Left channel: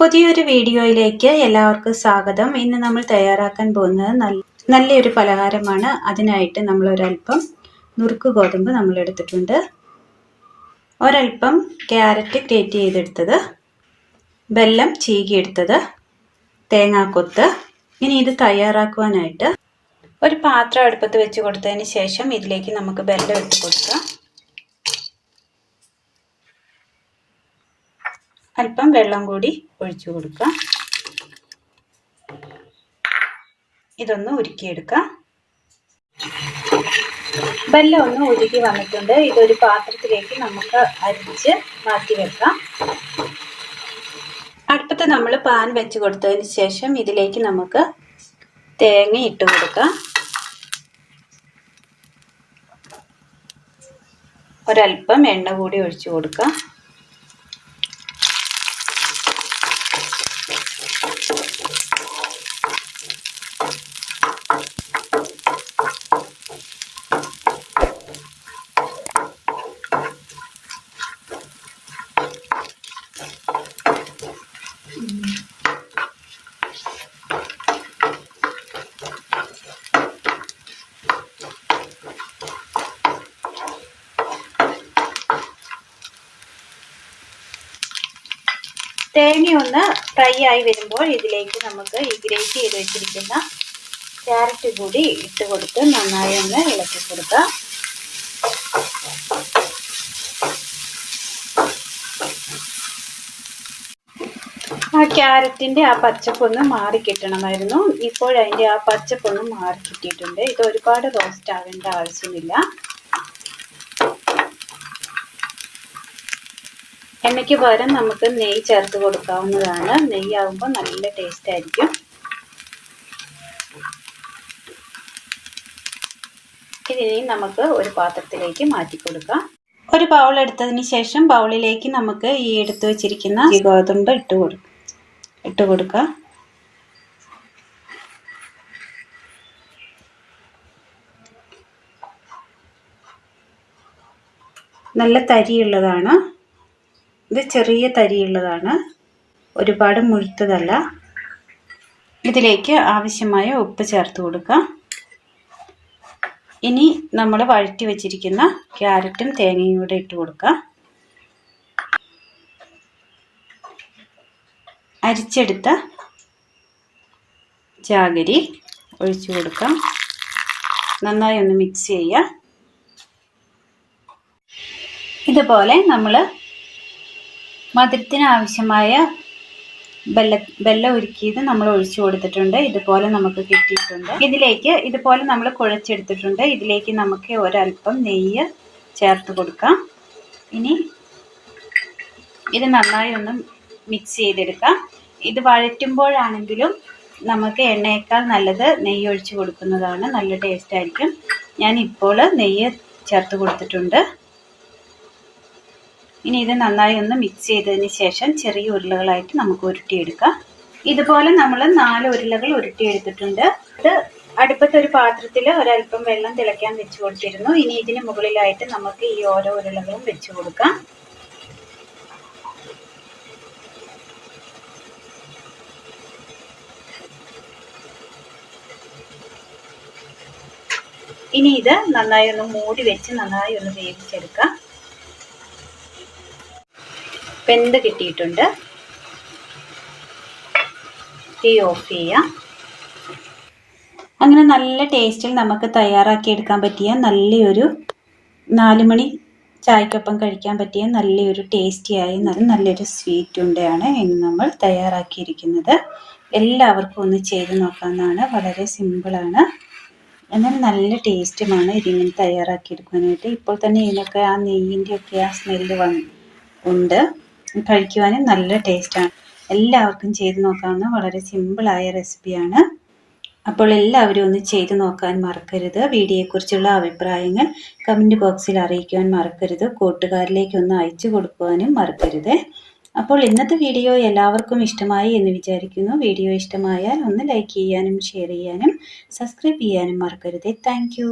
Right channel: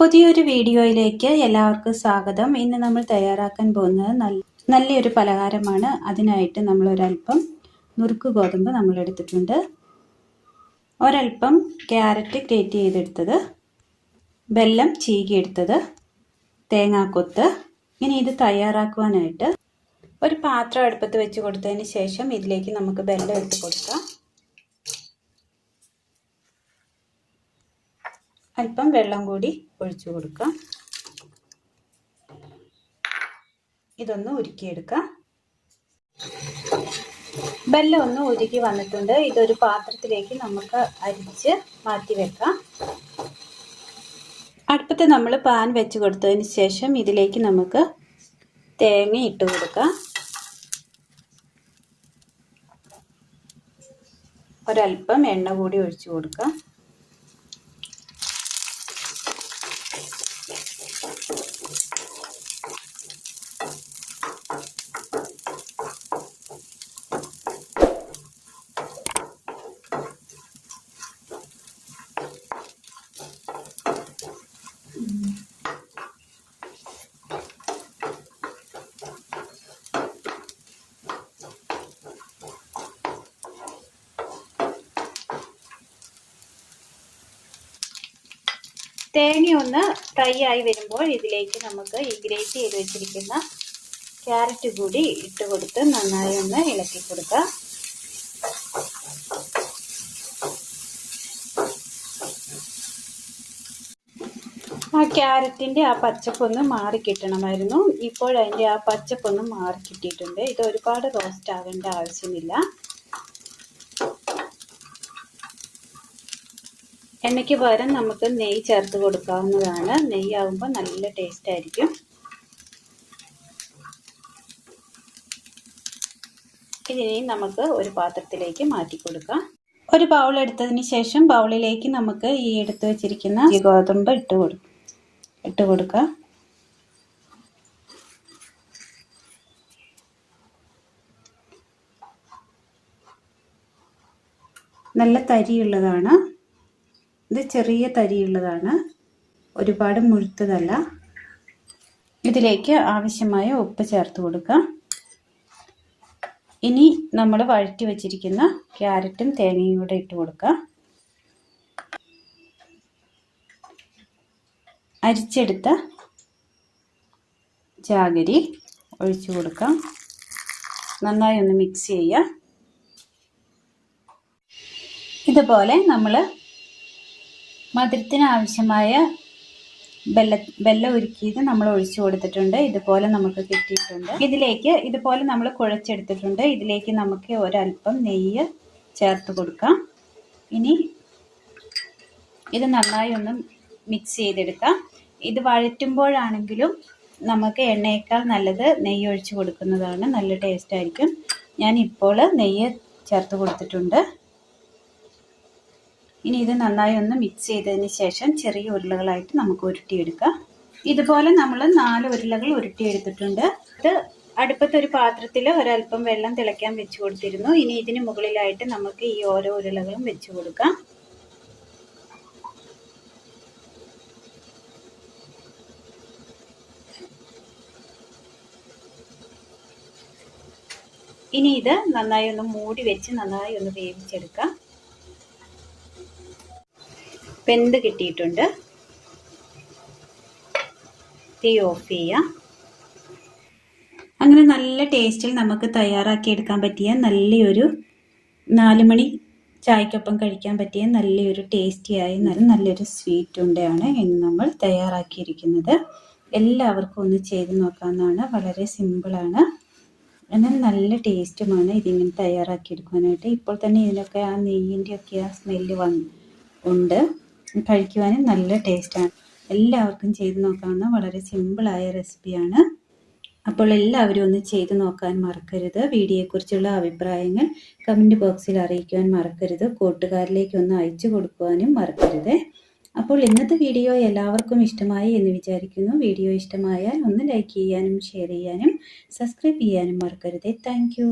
പുതിയൊരു വീഡിയോയിലേക്ക് എല്ലാവർക്കും സ്വാഗതം. ഇന്ന് നമ്മൾ തയ്യാറാക്കാൻ പോകുന്നത് നല്ലൊരു പലഹാരമാണ്. അതിനായിട്ട് നമ്മൾ ഒരല്പം നുറുക്ക് ഗോതമ്പ് നമ്മൾ എടുത്തിട്ടുണ്ട്, ഒരല്പം ക്യാരറ്റ് ഗ്രേറ്റ് ചെയ്തെടുത്തത്, വെല്ലം ചീകിയെടുത്തത്, തേങ്ങാക്കൊത്ത്. ഇനി ഇത് തയ്യാറാക്കുവാനായിട്ട് ഒരു പാത്രം അടുപ്പത്ത് വെച്ച് കൊടുത്തതിന് ശേഷം ഇതിലേക്ക് നമുക്ക് വെല്ലം ഇട്ട് കൊടുക്കാം. അല്പം വെള്ളം കൂടി ഒഴിച്ചു കൊടുക്കാം. ഇതൊന്ന് ഉരുക്കിയെടുക്കാം. വെല്ലം ഒന്ന് ഉരുക്കി വന്നിട്ടുണ്ട്. ഇതൊരു പാത്രത്തിലേക്ക് നമുക്ക് അരിച്ച് മാറ്റി വെക്കാം. അടുപ്പത്ത് നമ്മൾ പാൻ വെച്ച് കൊടുത്തതിന് ശേഷം ഇതിലേക്ക് നമുക്ക് തേങ്ങ ഇട്ട് കൊടുക്കാം. ഒരല്പം എണ്ണ കൂടി ഒഴിച്ചു കൊടുക്കാം. തേങ്ങ ഒന്ന് ഫ്രൈ ആയി വരുമ്പോൾ ഇതിലേക്ക് നമുക്ക് ഈ ഗ്രേറ്റ് ചെയ്ത് വെച്ചിരിക്കുന്ന ക്യാരറ്റ് കൂടി ഇട്ട് കൊടുത്ത് നന്നായി ഒന്ന് ഇളക്കി കൊടുക്കാം. ആ ക്യാരറ്റിൻ്റെ ആ പച്ചപ്പൊന്ന് മാറി കിട്ടണമായിരുന്നു. ഇപ്പോഴതിൻ്റെ ആ പച്ചപ്പൊന്ന് മാറി കിട്ടിയിട്ടുണ്ട്. ഇത് ഒരുപാട് റോസ്റ്റ് ആവേണ്ട ആവശ്യമില്ല. എണ്ണയ്ക്ക് പകരം നമുക്ക് നെയ്യ് ചേർത്ത് കൊടുക്കാവുന്നതാണ്. നെയ്യാകുമ്പോൾ നല്ല ടേസ്റ്റ് ആയിരിക്കും. ഇനി നമുക്ക് ഒരു പാത്രത്തിലേക്ക് മാറ്റി കൊടുക്കാം. ഒരു ബൗൾ എടുത്തതിന് ശേഷം ബൗളിലേക്ക് നമുക്ക് ഈ എടുത്തു വച്ചിരിക്കുന്ന ഗോതമ്പ് ഇട്ട് കൊടുക്കാം. നല്ല തരിയുള്ളതാണ്. ഇത് ചെറിയ തരിയുള്ളതാണ്, ഒരുപാട് മുഴുത്തതല്ല. ഇതിലേക്ക് ആവശ്യമായ ഉപ്പ് ചേർത്ത് കൊടുക്കാം. ഇനി നമ്മൾ വഴറ്റി വെച്ചിരിക്കുന്ന ക്യാരറ്റും തേങ്ങയും കൂടെ ഇട്ട് കൊടുക്കാം. അരിച്ചെടുത്ത ജാഗരി ഒഴിച്ചു കൊടുക്കാം. നന്നായി ഒന്ന് മിക്സ് ചെയ്യുക. ഇതുപോലെ നമ്മൾ മധുരത്തിന് ആവശ്യമായ വെല്ലം ഉരുക്കിയത് നമ്മൾ ഒഴിച്ചു കൊടുത്തിട്ടുണ്ട്. ഇതുപോലെ നമുക്ക് കിട്ടിയിട്ടുണ്ട്. ഇതിലേക്ക് ഇതുപോലെ നമ്മൾ കുഴച്ചെടുത്തിട്ടുണ്ട്. ഇതിലേക്ക് നമുക്ക് ഒരല്പം നെയ്യ് ചേർത്ത് കൊടുക്കാം. ഇനി ഇത് നന്നായി ഒന്ന് മിക്സ് ചെയ്തെടുക്കാം. ഇത് വഴറ്റുമ്പോഴാണെങ്കിലും നമുക്ക് എണ്ണയേക്കാൾ നല്ലത് നെയ്യ് ഒഴിച്ച് കൊടുക്കുന്നതാണ്. നല്ല ടേസ്റ്റ് ആയിരിക്കും. ഞാൻ ഇപ്പോൾ നെയ്യ് ചേർത്ത് കൊടുത്തിട്ടുണ്ട്. ഇനി ഇത് നന്നായി ഒന്ന് മിക്സ് ചെയ്തതിന് ശേഷം ചെറിയ ഉരുളകളായിട്ട് നമുക്ക് ഉരുട്ടിയെടുക്കാം. ഇതുപോലെ നമ്മൾ 4 ഉരുളകൾ ഉരുട്ടിയെടുത്തിട്ടുണ്ട്. ഇത് അടുപ്പത്തൊരു പാത്രത്തിൽ ഒരല്പം വെള്ളം തിളയ്ക്കാൻ വെച്ച് കൊടുത്തിരുന്നു. ഇനി ഇതിന് മുകളിലായിട്ട് നമുക്ക് ഈ ഓരോ ഉരുളകളും വെച്ച് കൊടുക്കാം. ഇനി ഇത് നന്നായി ഒന്ന് മൂടി വെച്ച് നന്നായി ഒന്ന് വേവിച്ചെടുക്കാം. വെന്ത് കിട്ടിയിട്ടുണ്ട്. തീ ഓഫ് ചെയ്യാം. അങ്ങനെ നല്ല ടേസ്റ്റിൽ നമുക്ക് തയ്യാറാക്കിയെടുക്കാൻ പറ്റിയ നല്ലൊരു 4 മണി ചായക്കൊപ്പം കഴിക്കാൻ പറ്റിയ നല്ലൊരു ടേസ്റ്റിയായി നല്ലൊരു സ്വീറ്റ് ഉണ്ടയാണ് ഇന്ന് നമ്മൾ തയ്യാറാക്കിയിരിക്കുന്നത്. എല്ലാവർക്കും ഒന്ന് ചെയ്ത് നോക്കാവുന്നതാണ്. വളരെ സിമ്പിളാണ്, എന്നാൽ നല്ല ടേസ്റ്റുമാണ് ഇതിങ്ങനെ തയ്യാറാക്കിയെടുക്കാനായിട്ട്. ഇപ്പോൾ തന്നെ ഇതിനൊക്കെ ആ നെയ്യിൻ്റെയൊക്കെ ആ സ്മെല്ല് ഉണ്ട്. കഴിക്കുവാനും നല്ല ടേസ്റ്റാണ്. എല്ലാവർക്കും ചെയ്ത് നോക്കാവുന്ന വളരെ സിമ്പിളായ റെസിപ്പിയാണ്. അപ്പോൾ എല്ലാവരും ഒന്ന് ചെയ്ത് നോക്കാൻ മറക്കരുത്. വീഡിയോയെക്കുറിച്ചുള്ള അഭിപ്രായങ്ങൾ കമൻറ്റ് ബോക്സിൽ അറിയിക്കുവാൻ മറക്കരുത്. കൂട്ടുകാരിലേക്ക് ഒന്ന് അയച്ചു കൊടുക്കുവാനും മറക്കരുത്. അപ്പോൾ ഇന്നത്തെ വീഡിയോ എല്ലാവർക്കും ഇഷ്ടമായി എന്ന് വിചാരിക്കുന്നു. വീഡിയോ ഇഷ്ടമായാൽ ഒന്ന് ലൈക്ക് ചെയ്യാനും ഷെയർ ചെയ്യാനും സബ്സ്ക്രൈബ് ചെയ്യാനും മറക്കരുത്. താങ്ക്